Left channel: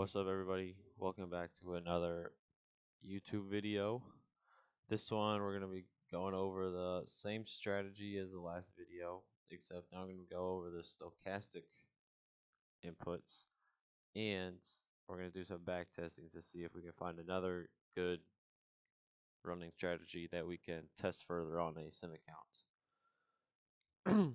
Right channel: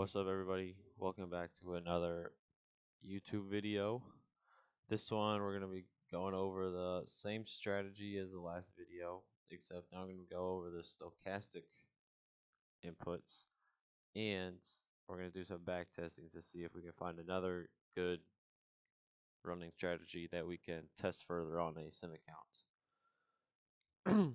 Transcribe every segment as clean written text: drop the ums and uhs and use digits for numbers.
What's up, everybody? Welcome back to another YouTube video. This one, we're going to be going over the same strategy as the last video, except now I'm going to go over the stochastic inputs, and we're going to do some back testing to see if we can find another good running strategy that we can test further on a sim account.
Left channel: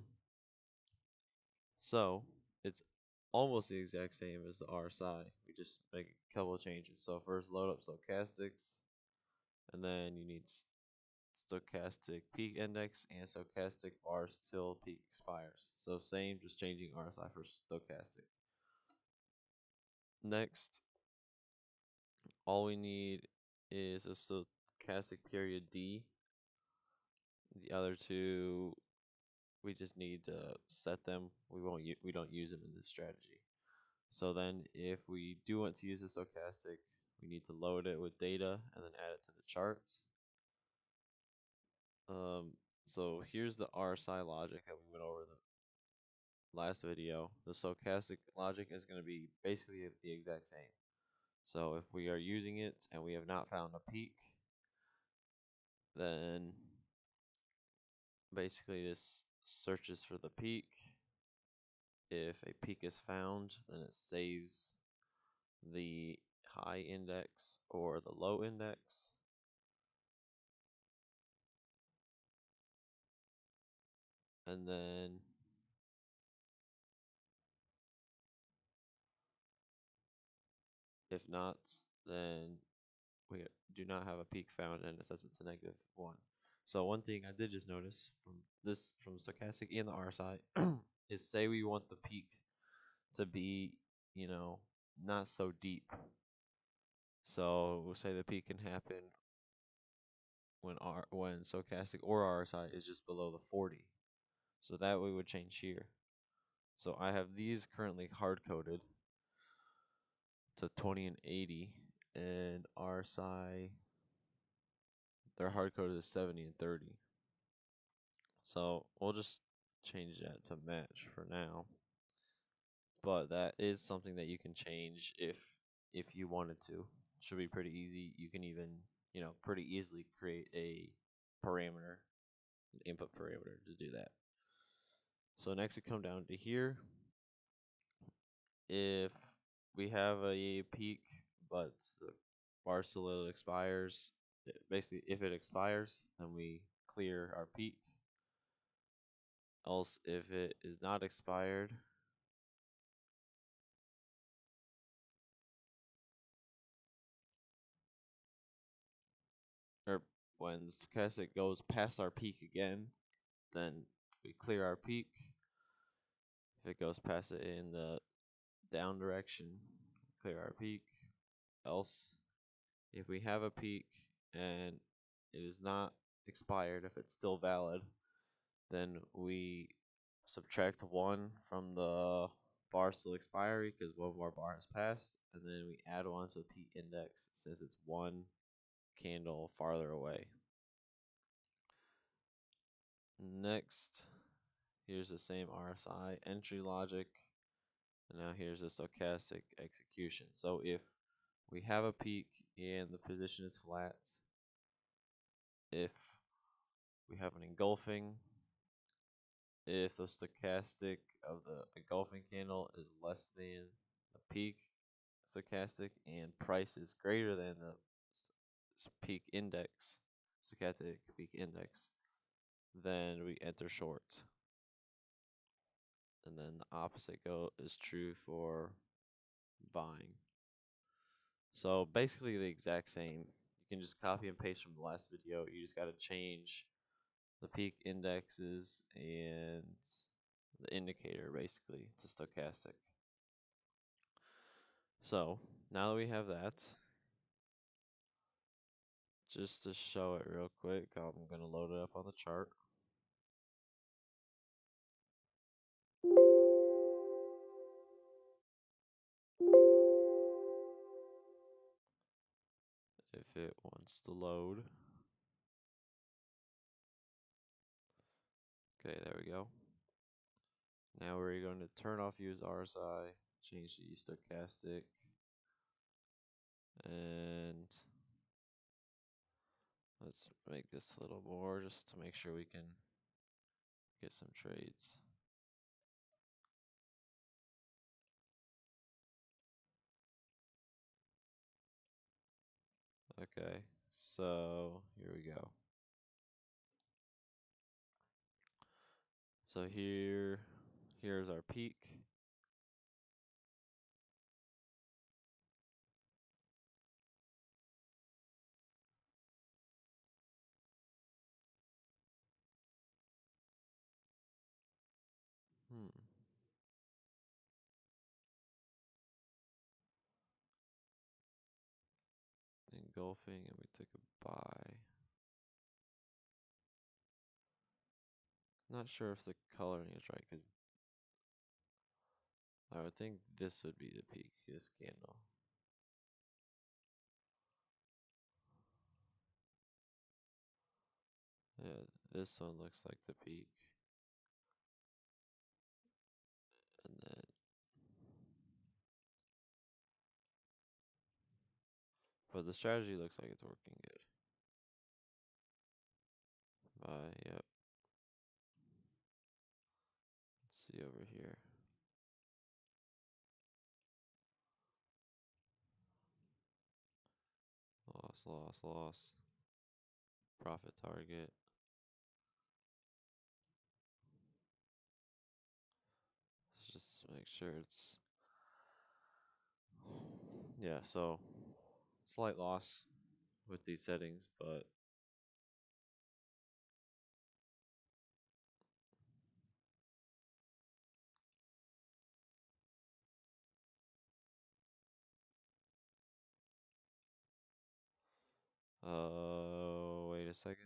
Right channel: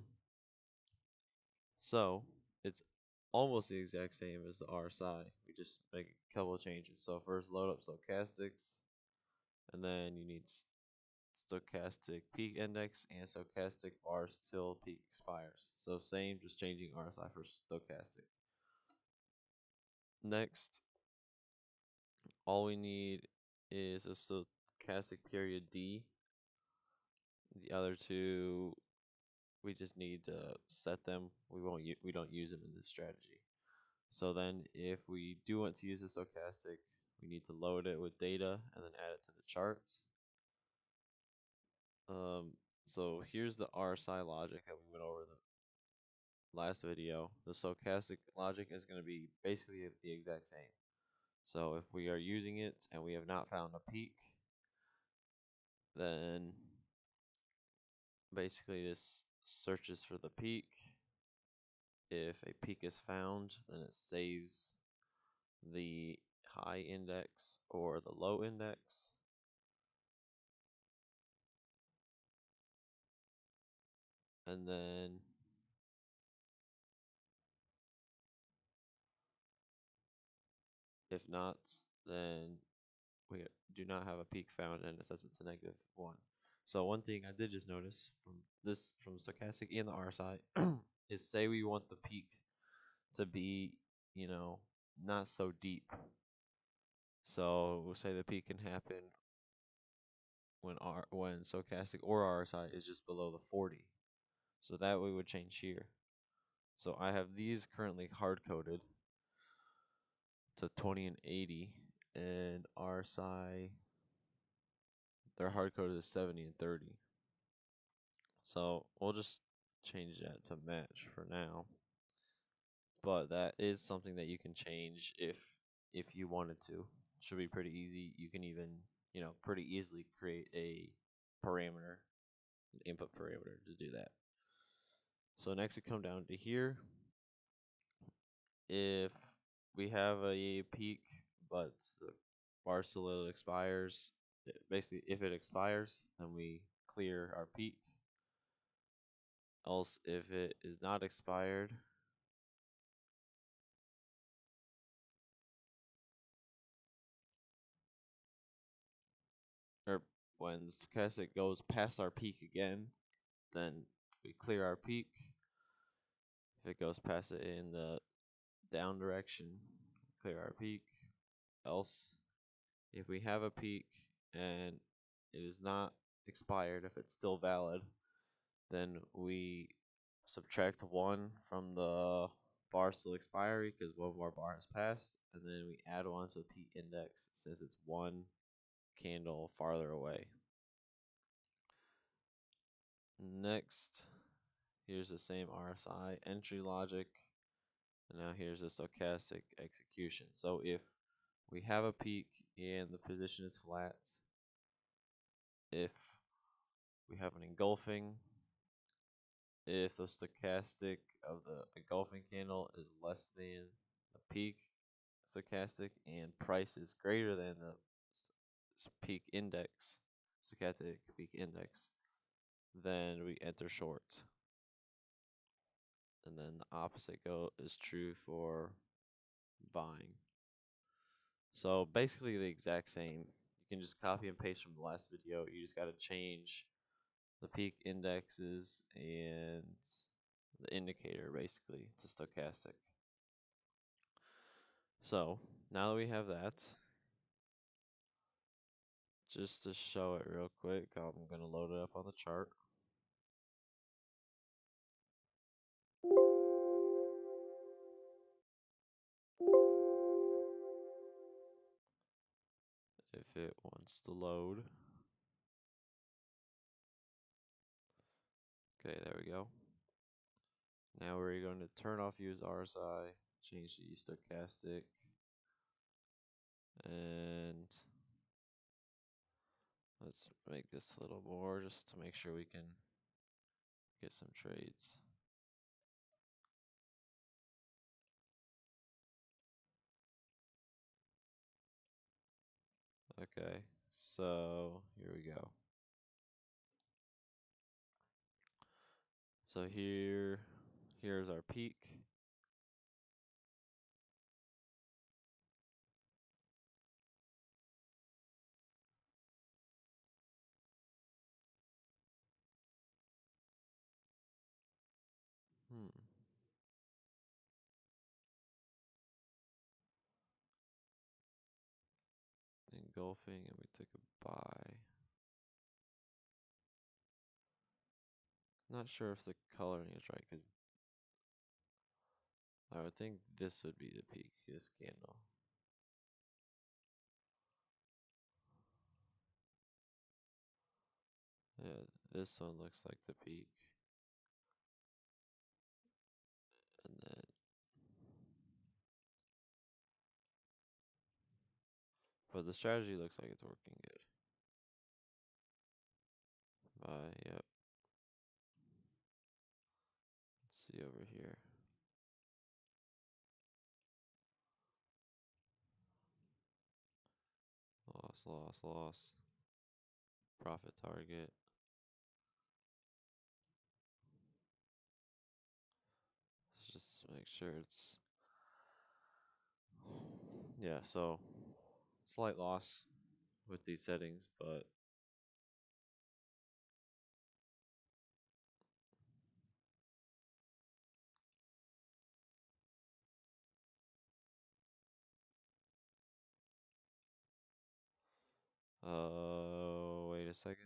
So, it's almost the exact same as the RSI. We just make a couple of changes. So first load up stochastics, and then you need stochastic peak index and stochastic bars till peak expires. So same, just changing RSI for stochastic. Next, all we need is a stochastic period D. The other two, we just need to set them. We don't use them in this strategy. So then if we do want to use the stochastic, we need to load it with data and then add it to the charts. So here's the RSI logic that we went over the last video. The stochastic logic is going to be basically the exact same. So if we are using it and we have not found a peak, then basically this searches for the peak. If a peak is found, then it saves the high index or the low index. And then if not, then we do not have a peak found and it says it's a -1. So one thing I did just notice from stochastic and the RSI is, say we want the peak to be, not so deep. So we'll say the peak can happen when stochastic or RSI is just below the 40. So that we would change here. So I have these currently hard coded to 20 and 80, and RSI, they're hard coded to 70 and 30. So we'll just change that to match for now. But that is something that you can change if you wanted to. Should be pretty easy. You can even, pretty easily create a parameter, an input parameter to do that. So next we come down to here. If we have a peak, but the bar still expires, basically if it expires, then we clear our peak. Else, if it is not expired, or when stochastic goes past our peak again, then we clear our peak. If it goes past it in the down direction, clear our peak. Else, if we have a peak and it is not expired, if it's still valid, then we subtract 1 from the bar still expiry because one more bar has passed, and then we add 1 to the peak index since it's 1 candle farther away. Next, here's the same RSI entry logic, and now here's the stochastic execution. So if we have a peak and the position is flat, if we have an engulfing, if the stochastic of the engulfing candle is less than the peak stochastic and price is greater than the peak index, stochastic peak index, then we enter short. And then the opposite is true for buying. So basically the exact same. You can just copy and paste from the last video. You just got to change the peak indexes and the indicator basically to stochastic. So now that we have that, just to show it real quick, I'm going to load it up on the chart. If it wants to load. Okay, there we go. Now we're going to turn off use RSI, change to use stochastic, And let's make this a little more just to make sure we can get some trades. Okay, so here we go. So here's our peak. Hmm. Engulfing, and we took a buy. Not sure if the coloring is right, because I would think this would be the peak, this candle. Yeah, this one looks like the peak. And then, but the strategy looks like it's working good. Buy, yep. Let's see over here. Loss, loss, loss. Profit target. Let's just make sure it's, yeah, so slight loss with these settings, but wait a second.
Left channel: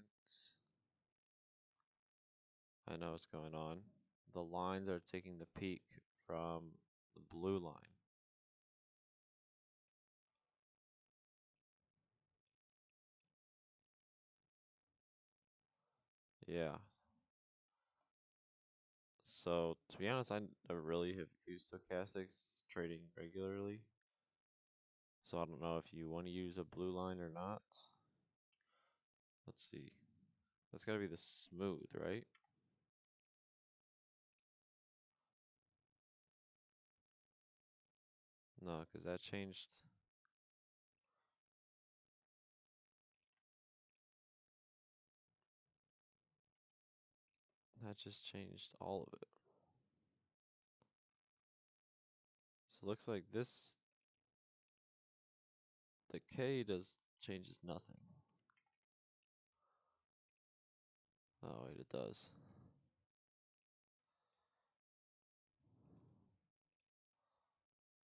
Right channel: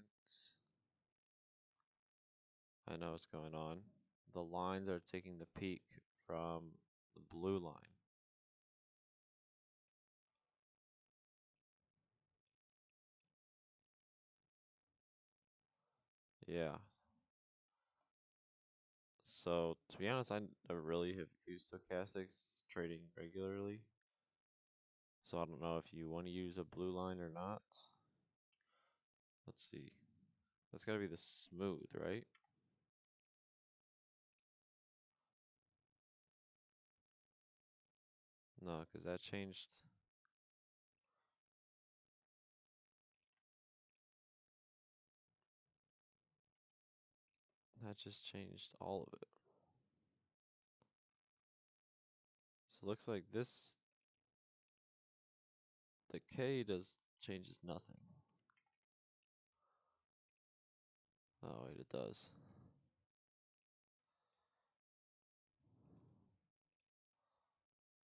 I know what's going on. The lines are taking the peak from the blue line. Yeah. So to be honest, I never really have used stochastics trading regularly. So I don't know if you want to use a blue line or not. Let's see. That's gotta be the smooth, right? No, because that changed. That just changed all of it. So it looks like this, the K does changes nothing. Oh wait, it does.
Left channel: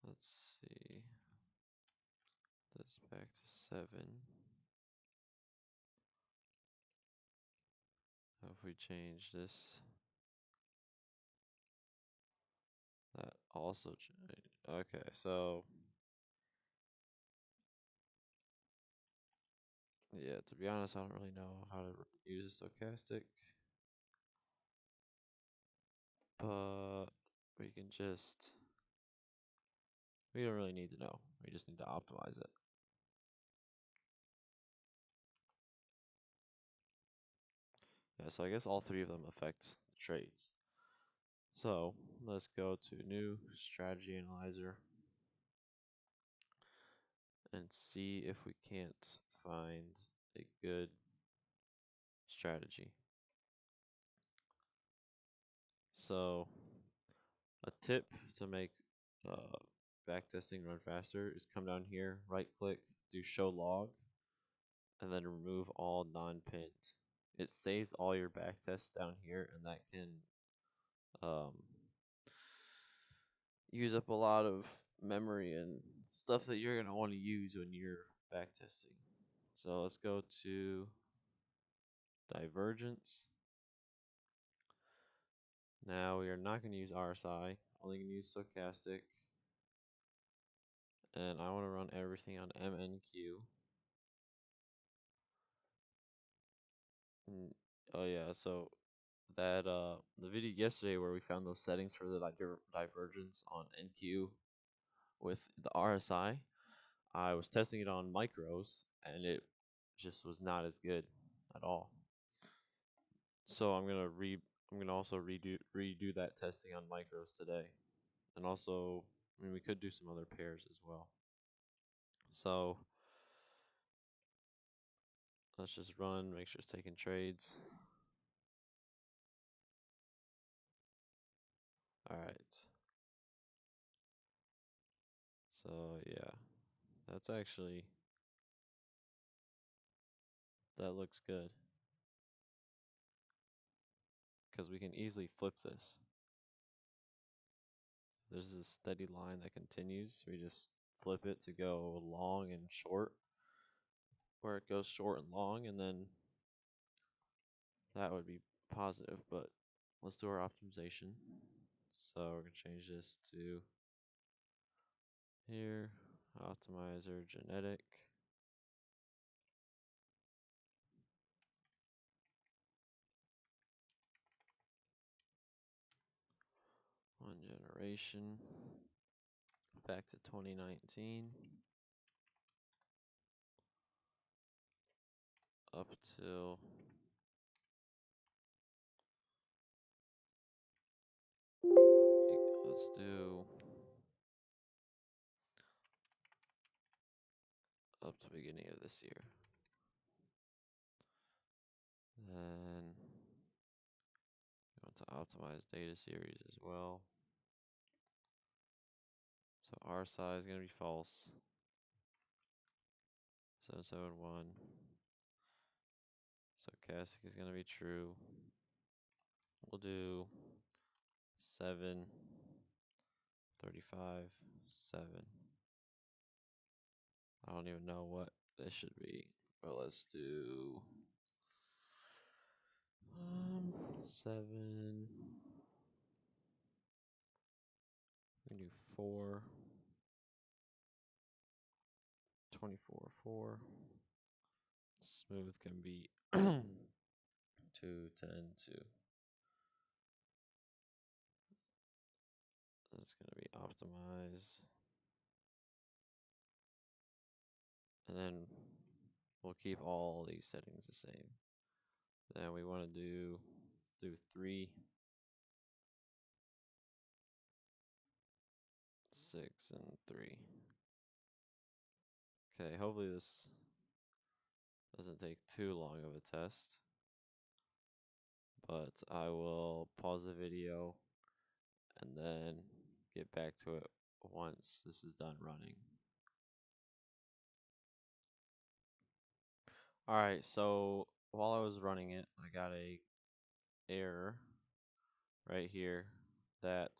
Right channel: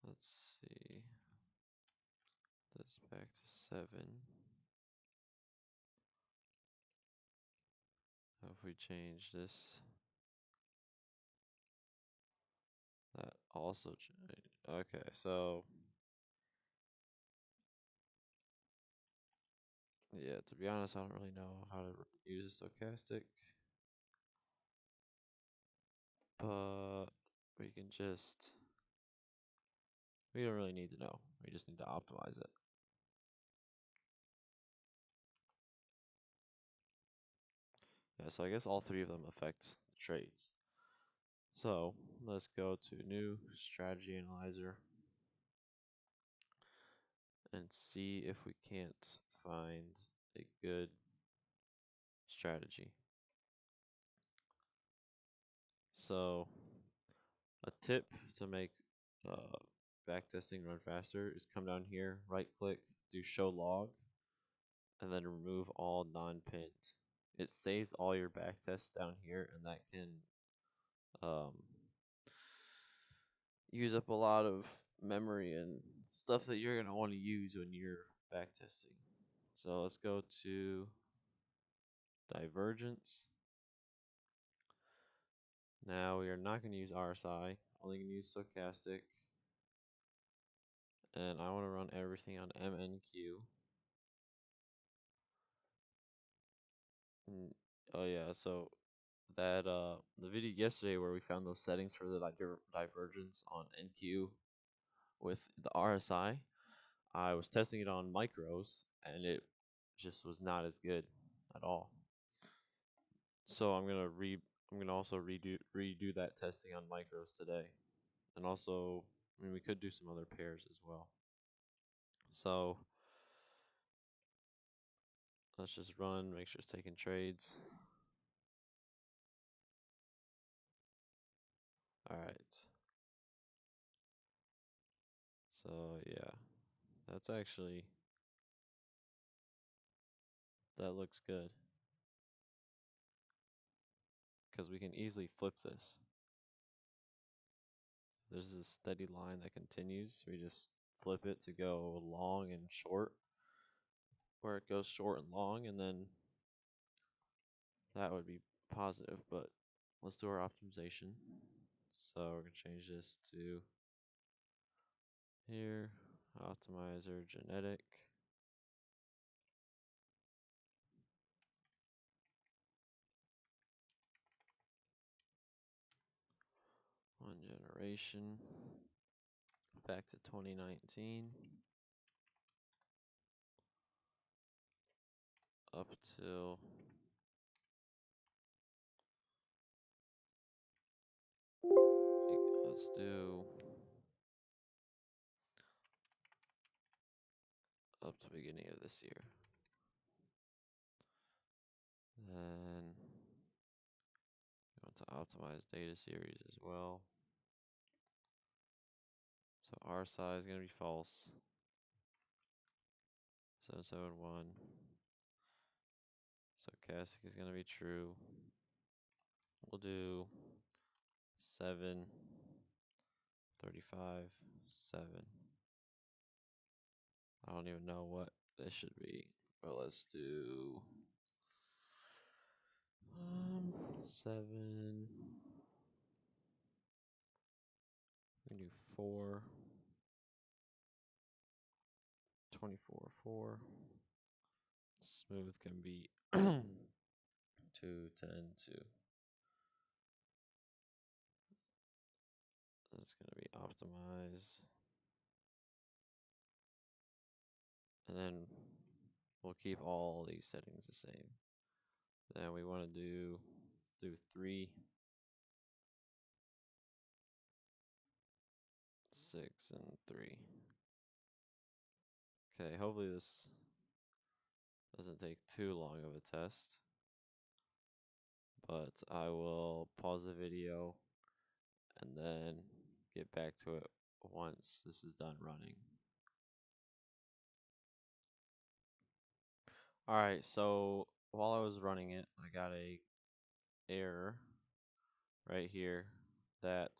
Let's see. This back to 7. If we change this, that also changed. Okay, so yeah, to be honest, I don't really know how to use a stochastic, but we can just, we don't really need to know. We just need to optimize it. Yeah, so I guess all three of them affect the trades. So let's go to new strategy analyzer and see if we can't find a good strategy. So a tip to make backtesting run faster is come down here, right click, do show log, and then remove all non-pinned. It saves all your backtests down here, and that can um, use up a lot of memory and stuff that you're going to want to use when you're backtesting. So let's go to Divergence. Now we are not going to use RSI, only going to use Stochastic. And I want to run everything on MNQ. Oh yeah, so that the video yesterday where we found those settings for the divergence on NQ with the RSI, I was testing it on micros, and it just was not as good at all. So I'm gonna also redo that testing on micros today, and also, I mean, we could do some other pairs as well. So let's just run, make sure it's taking trades. All right. So yeah, that's actually that looks good because we can easily flip this. There's this steady line that continues. We just flip it to go long and short, where it goes short and long, and then that would be positive. But let's do our optimization. So we're gonna change this to here, optimizer genetic. One generation back to 2019 up till let's do up to beginning of this year. Then we want to optimize data series as well. So our size is going to be false. 771. Stochastic is going to be true. We'll do 7, 35, 7. I don't even know what this should be, but let's do 7. We can do 4, 24, 4. Smooth can be 2, 10, 2. That's going to be optimized. And then we'll keep all these settings the same. Then we want to let's do 3, 6, and 3. Okay, hopefully this doesn't take too long of a test. But I will pause the video and then get back to it once this is done running. Alright, so while I was running it, I got a error right here that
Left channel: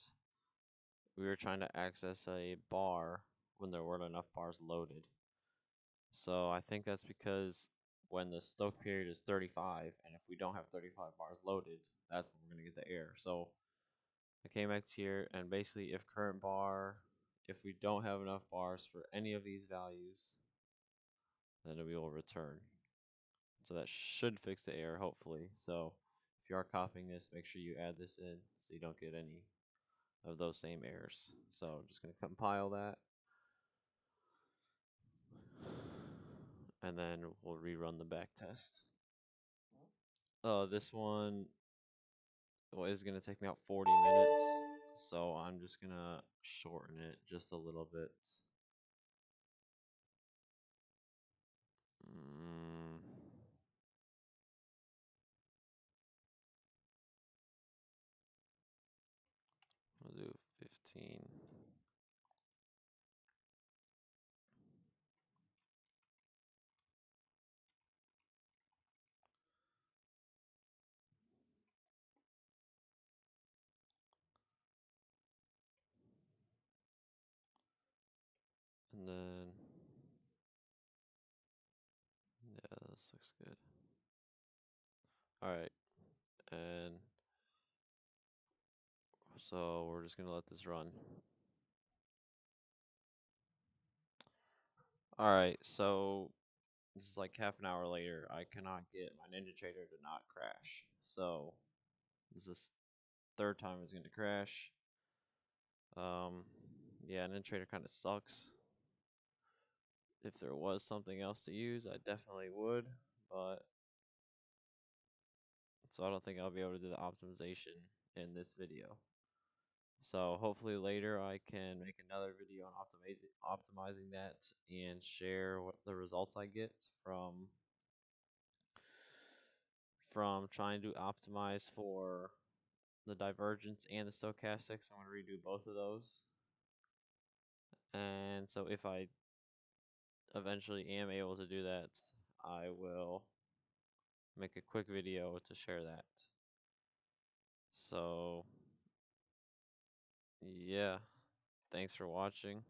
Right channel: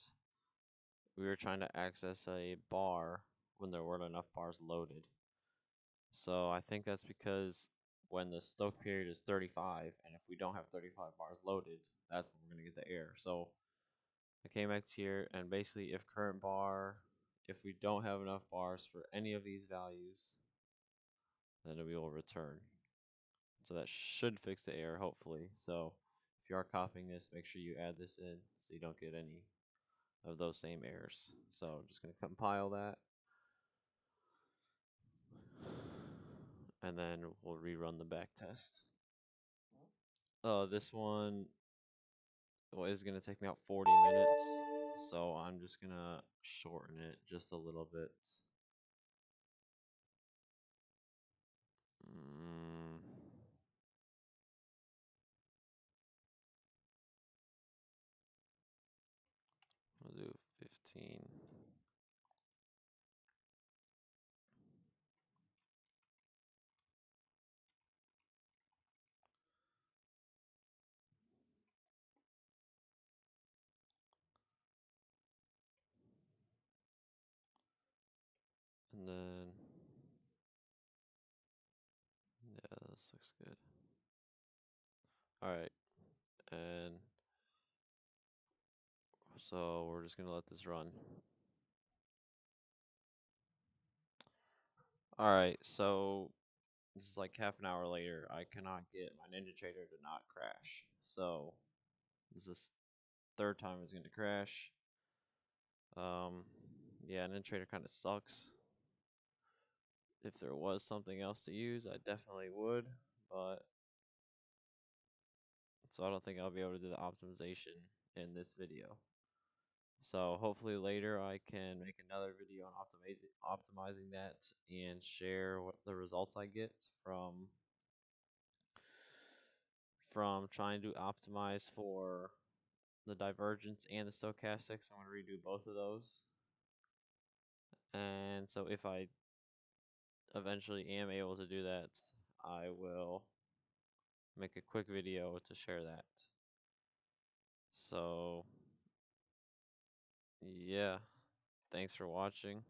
we were trying to access a bar when there weren't enough bars loaded. So I think that's because when the stoch period is 35, and if we don't have 35 bars loaded, that's when we're going to get the error. So I came back here, and basically if current bar, if we don't have enough bars for any of these values, then we will return. So that should fix the error, hopefully. So if you are copying this, make sure you add this in so you don't get any of those same errors. So I'm just going to compile that. And then we'll rerun the back test. This one is going to take me about 40 minutes. So I'm just going to shorten it just a little bit. We'll do 15. And then, yeah, this looks good. Alright, and so we're just going to let this run. Alright, so this is like half an hour later. I cannot get my Ninjatrader to not crash. So this is the third time it's going to crash. Yeah, Ninjatrader kind of sucks. if there was something else to use, I definitely would, but so I don't think I'll be able to do the optimization in this video. So hopefully later I can make another video on optimizing that and share what the results I get from trying to optimize for the divergence and the stochastics. I'm going to redo both of those. And so if I eventually am able to do that, I will make a quick video to share that. So yeah, thanks for watching.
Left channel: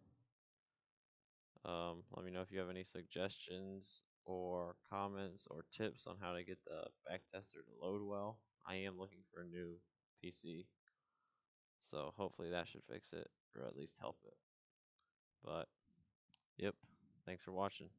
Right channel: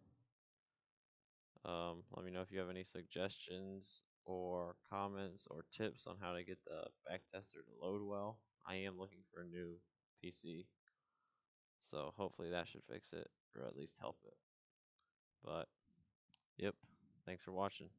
Let me know if you have any suggestions or comments or tips on how to get the backtester to load well. I am looking for a new PC, so hopefully that should fix it or at least help it. But yep, thanks for watching.